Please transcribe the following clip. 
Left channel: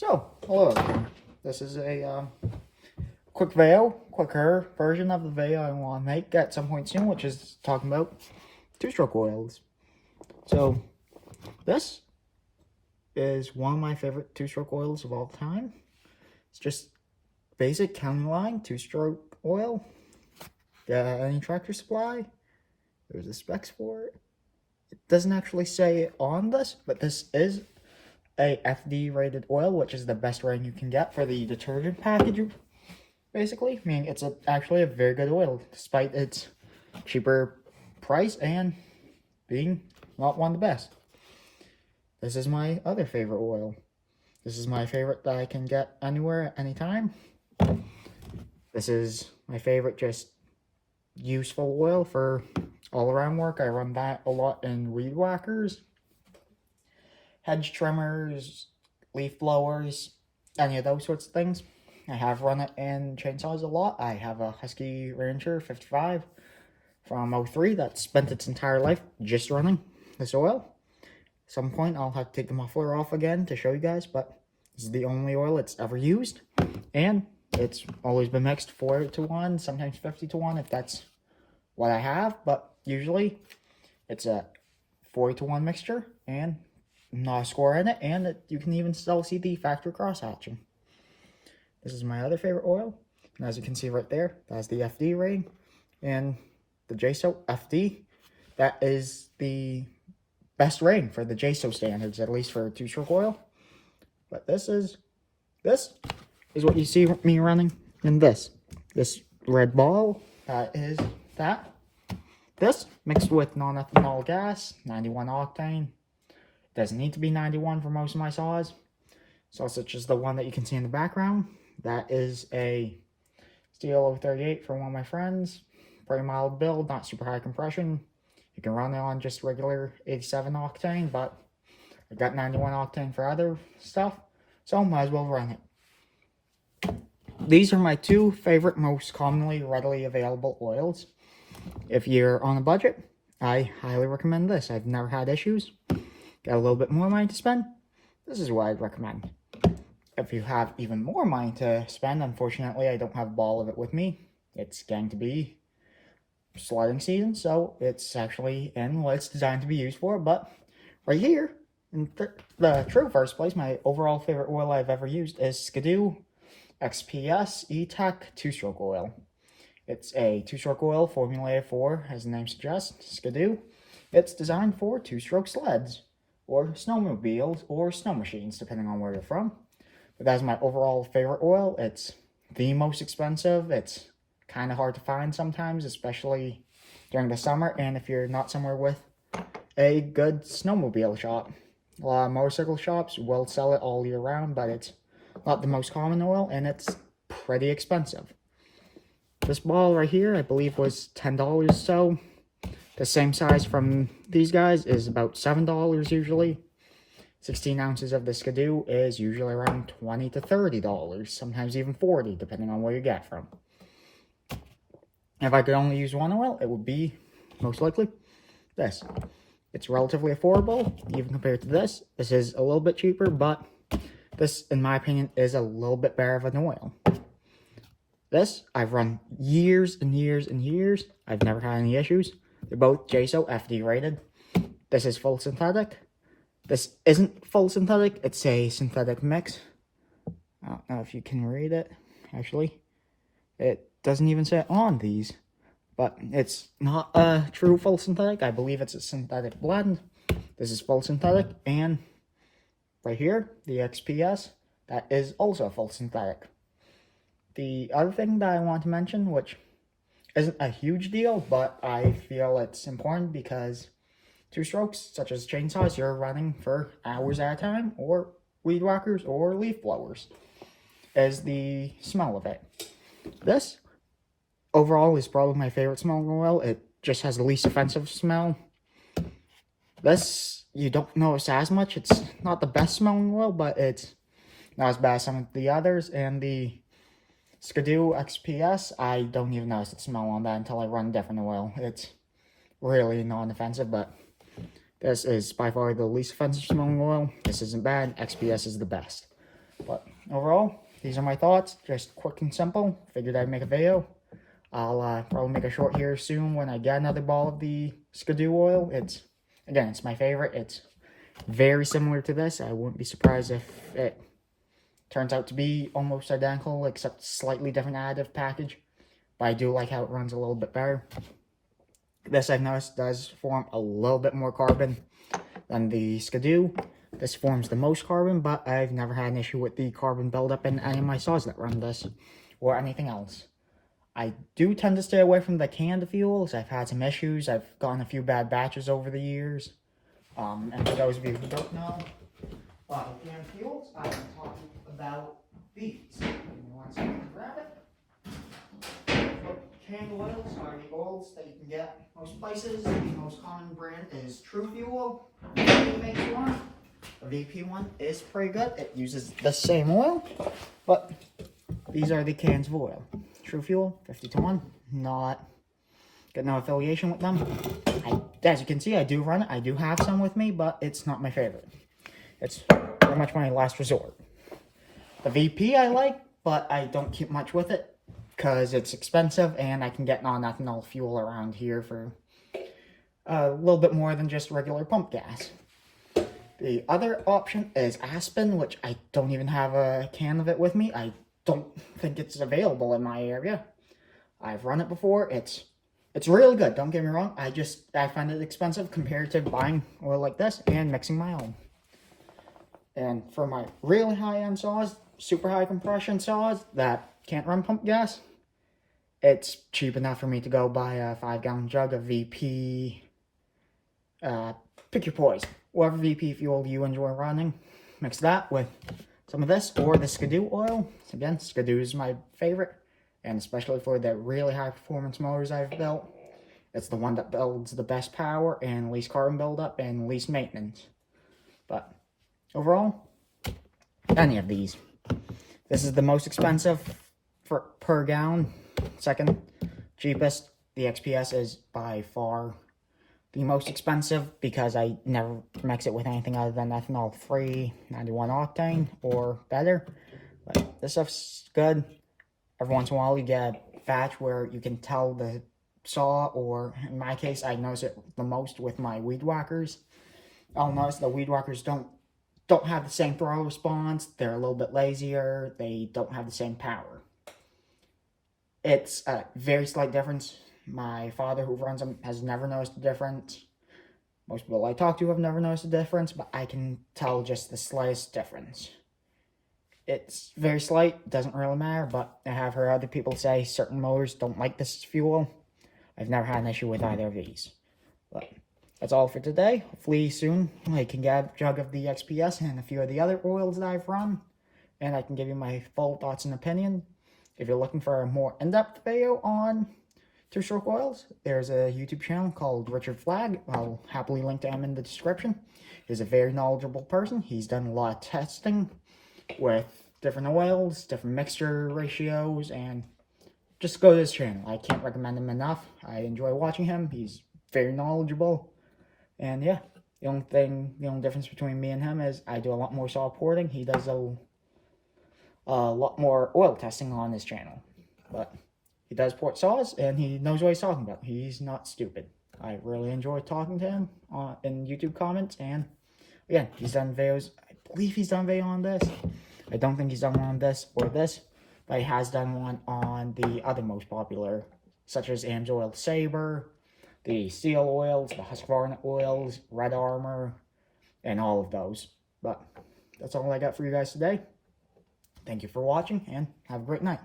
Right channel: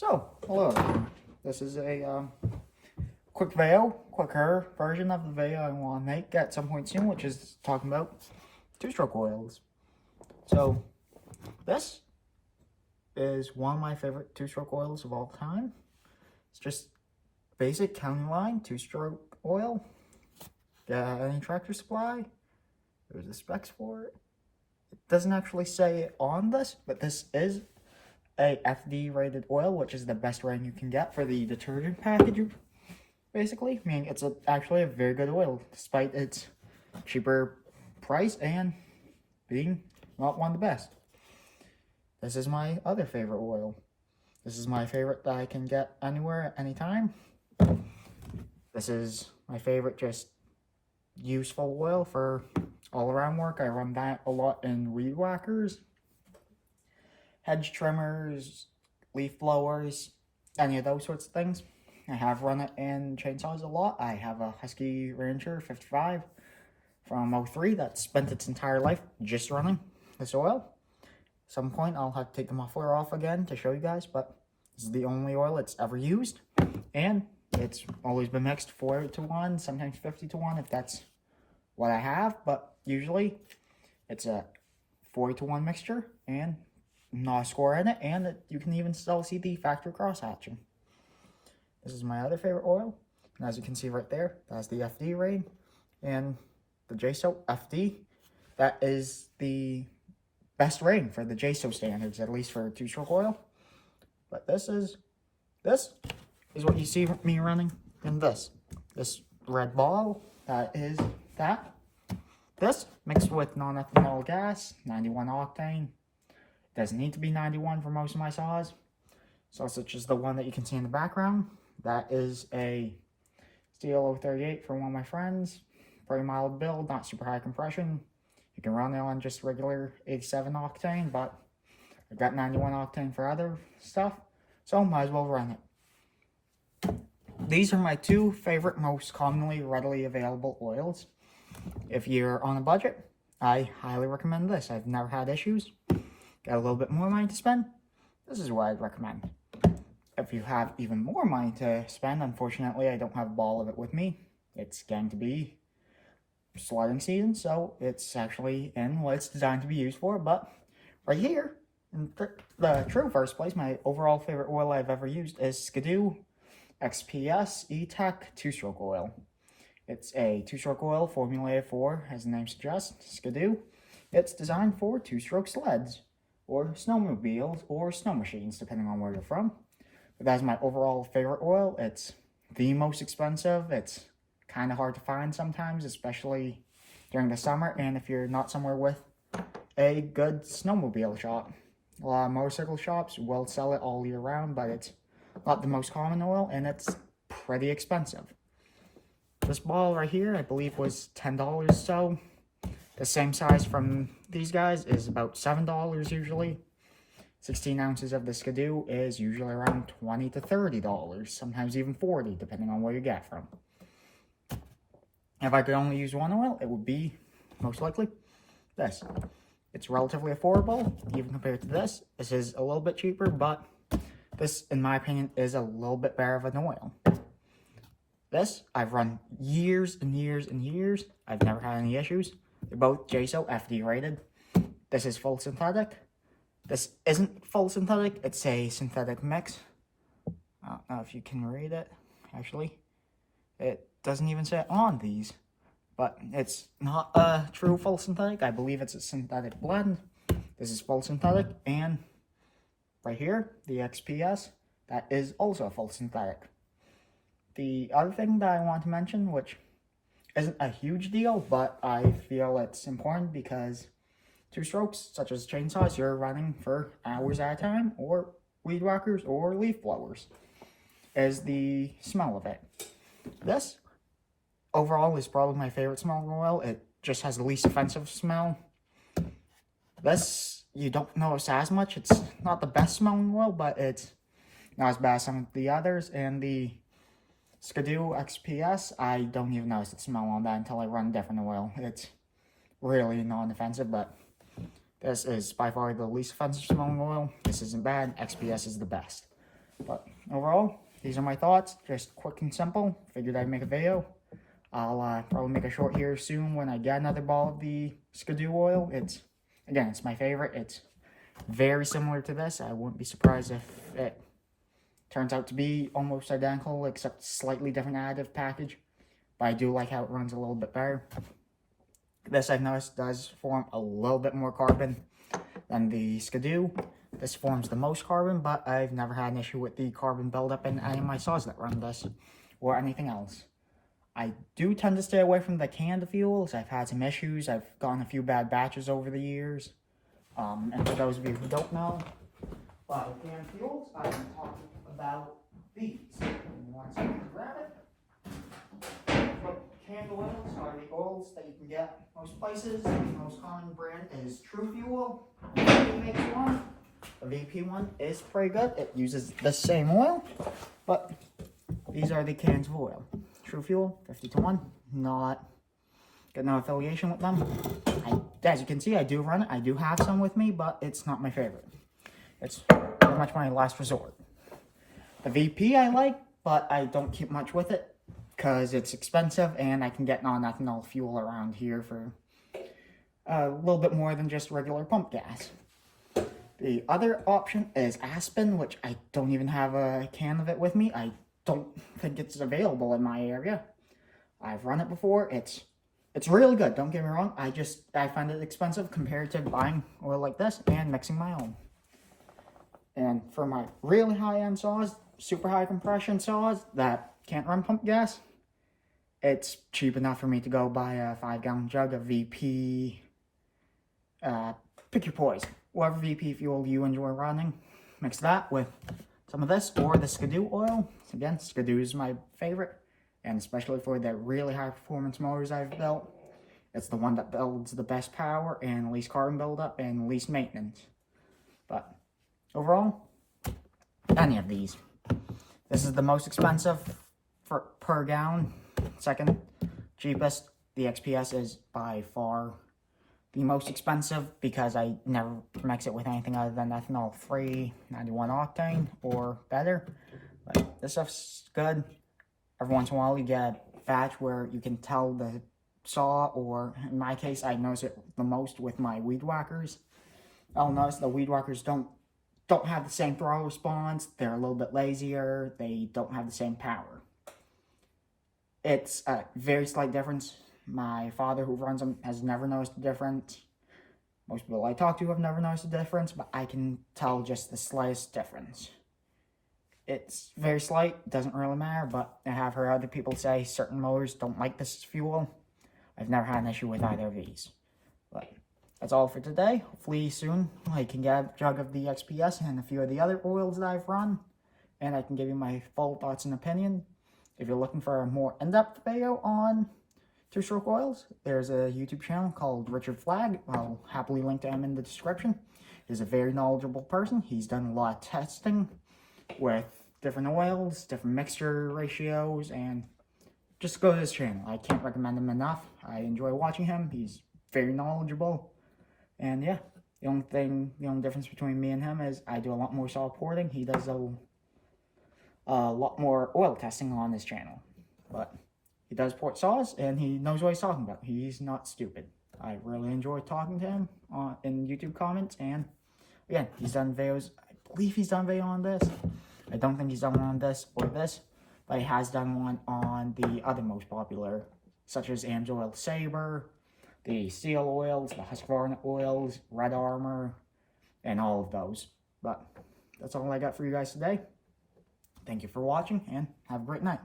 Hello. This is a quicker version of the video I want to make at some point soon, which is talking about two-stroke oils. So, this is one of my favorite two-stroke oils of all time. It's just basic county line two-stroke oil. Get any Tractor Supply. There's the specs for it. It doesn't actually say it on this, but this is a FD rated oil, which is the best rating you can get for the detergent package, basically. I mean, it's actually a very good oil, despite its cheaper price and being not one of the best. This is my other favorite oil. This is my favorite that I can get anywhere at any time. This is my favorite just useful oil for all around work. I run that a lot in weed whackers, hedge trimmers, leaf blowers, any of those sorts of things. I have run it in chainsaws a lot. I have a Husky Ranger 55 from 03 that spent its entire life just running this oil. At some point I'll have to take the muffler off again to show you guys, but this is the only oil it's ever used, and it's always been mixed 4-to-1, sometimes 50-to-1 if that's what I have, but usually it's a 40-to-1 mixture and not a score in it, and you can even still see the factory cross hatching. This is my other favorite oil, and as you can see right there, that's the FD rating, and the JSO FD, that is the best rating for the JSO standards, at least for two-stroke oil. But this is what you see me running in this red ball. That is that. This mixed with non-ethanol gas, 91 octane. Doesn't need to be 91 for most of my saws. Saw such as the one that you can see in the background. That is a Steel 038 for one of my friends. Pretty mild build, not super high compression. You can run it on just regular 87 octane, but I got 91 octane for other stuff, so might as well run it. These are my two favorite, most commonly readily available oils. If you're on a budget, I highly recommend this. I've never had issues. Got a little bit more money to spend, this is what I'd recommend. If you have even more money to spend, unfortunately I don't have a ball of it with me. It's going to be sledding season, so it's actually in what it's designed to be used for. But right here, in the true first place, my overall favorite oil I've ever used is Skidoo XPS E-Tech two-stroke oil. It's a two-stroke oil formulated for, as the name suggests, Skidoo. It's designed for two-stroke sleds, or snowmobiles, or snow machines, depending on where you're from. But that's my overall favorite oil. It's the most expensive. It's kind of hard to find sometimes, especially during the summer, and if you're not somewhere with a good snowmobile shop. A lot of motorcycle shops will sell it all year round, but it's not the most common oil, and it's pretty expensive. This ball right here, I believe, was $10 or so. The same size from these guys is about $7 usually. 16 ounces of the Skidoo is usually around $20 to $30, sometimes even $40, depending on where you get from. If I could only use one oil, it would be, most likely, this. It's relatively affordable, even compared to this. This is a little bit cheaper, but this, in my opinion, is a little bit better of an oil. This, I've run years and years and years. I've never had any issues. They're both JSO FD rated. This is full synthetic. This isn't full synthetic, it's a synthetic mix. I don't know if you can read it, actually. It doesn't even say it on these, but it's not a true full synthetic. I believe it's a synthetic blend. This is full synthetic, and right here, the XPS, that is also full synthetic. The other thing that I want to mention, which isn't a huge deal, but I feel it's important because two strokes, such as chainsaws, you're running for hours at a time, or weed whackers, or leaf blowers, is the smell of it. This, overall, is probably my favorite smelling oil. It just has the least offensive smell. This, you don't notice as much. It's not the best smelling oil, but it's not as bad as some of the others. And the Skidoo XPS, I don't even notice the smell on that until I run a different oil. It's really non-offensive, but this is by far the least offensive smelling oil. This isn't bad. XPS is the best. But overall, these are my thoughts. Just quick and simple. Figured I'd make a video. I'll probably make a short here soon when I get another ball of the Skidoo oil. It's my favorite. It's very similar to this. I wouldn't be surprised if it turns out to be almost identical, except slightly different additive package. But I do like how it runs a little bit better. This, I've noticed, does form a little bit more carbon than the Skidoo. This forms the most carbon, but I've never had an issue with the carbon buildup in any of my saws that run this, or anything else. I do tend to stay away from the canned fuels. I've had some issues. I've gotten a few bad batches over the years. And for those of you who don't know, by canned fuels, I'm talking about these. One second to grab it. Canned oils are the oils that you can get most places. The most common brand is True Fuel. VP makes one. The VP one is pretty good. It uses the same oil, but these are the cans of oil. True Fuel, 50-1. Got no affiliation with them. As you can see, I do run it. I do have some with me, but it's not my favorite. It's pretty much my last resort. The VP I like, but I don't keep much with it because it's expensive and I can get non-ethanol fuel around here for a little bit more than just regular pump gas. The other option is Aspen, which I don't even have a can of it with me. I don't think it's available in my area. I've run it before. It's really good, don't get me wrong. I find it expensive compared to buying oil like this and mixing my own. And for my really high-end saws, super high compression saws that can't run pump gas, it's cheap enough for me to go buy a 5-gallon jug of VP, pick your poison. Whatever VP fuel you enjoy running, mix that with some of this or the Skidoo oil. Again, Skidoo is my favorite, and especially for the really high performance motors I've built. It's the one that builds the best power and least carbon buildup and least maintenance. But overall, any of these. This is the most expensive per gallon. Second cheapest. The XPS is by far the most expensive because I never mix it with anything other than ethanol free, 91 octane or better. But this stuff's good. Every once in a while you get a batch where you can tell the saw, or in my case I notice it the most with my weed whackers. I'll notice the weed whackers don't have the same throw response. They're a little bit lazier. They don't have the same power. It's a very slight difference. My father, who runs them, has never noticed a difference. Most people I talk to have never noticed a difference, but I can tell just the slightest difference. It's very slight, doesn't really matter, but I have heard other people say certain motors don't like this fuel. I've never had an issue with either of these. But that's all for today. Hopefully soon I can get a jug of the XPS and a few of the other oils that I've run, and I can give you my full thoughts and opinion. If you're looking for a more in-depth video on two-stroke oils, there's a YouTube channel called Richard Flagg. I'll happily link to him in the description. He's a very knowledgeable person. He's done a lot of testing with different oils, different mixture ratios, and just go to his channel. I can't recommend him enough. I enjoy watching him. He's very knowledgeable. And yeah, the only difference between me and him is I do a lot more saw porting. He does a lot more oil testing on his channel. But he does port saws, and he knows what he's talking about. He's not stupid. I really enjoy talking to him in YouTube comments, and again, he's done videos. I believe he's done a video on this. I don't think he's done one on this or this, but he has done one on the other most popular, such as AMSOIL Sabre, the Steel oils, the Husqvarna oils, Red Armor, and all of those. But that's all I got for you guys today. Thank you for watching, and have a great night.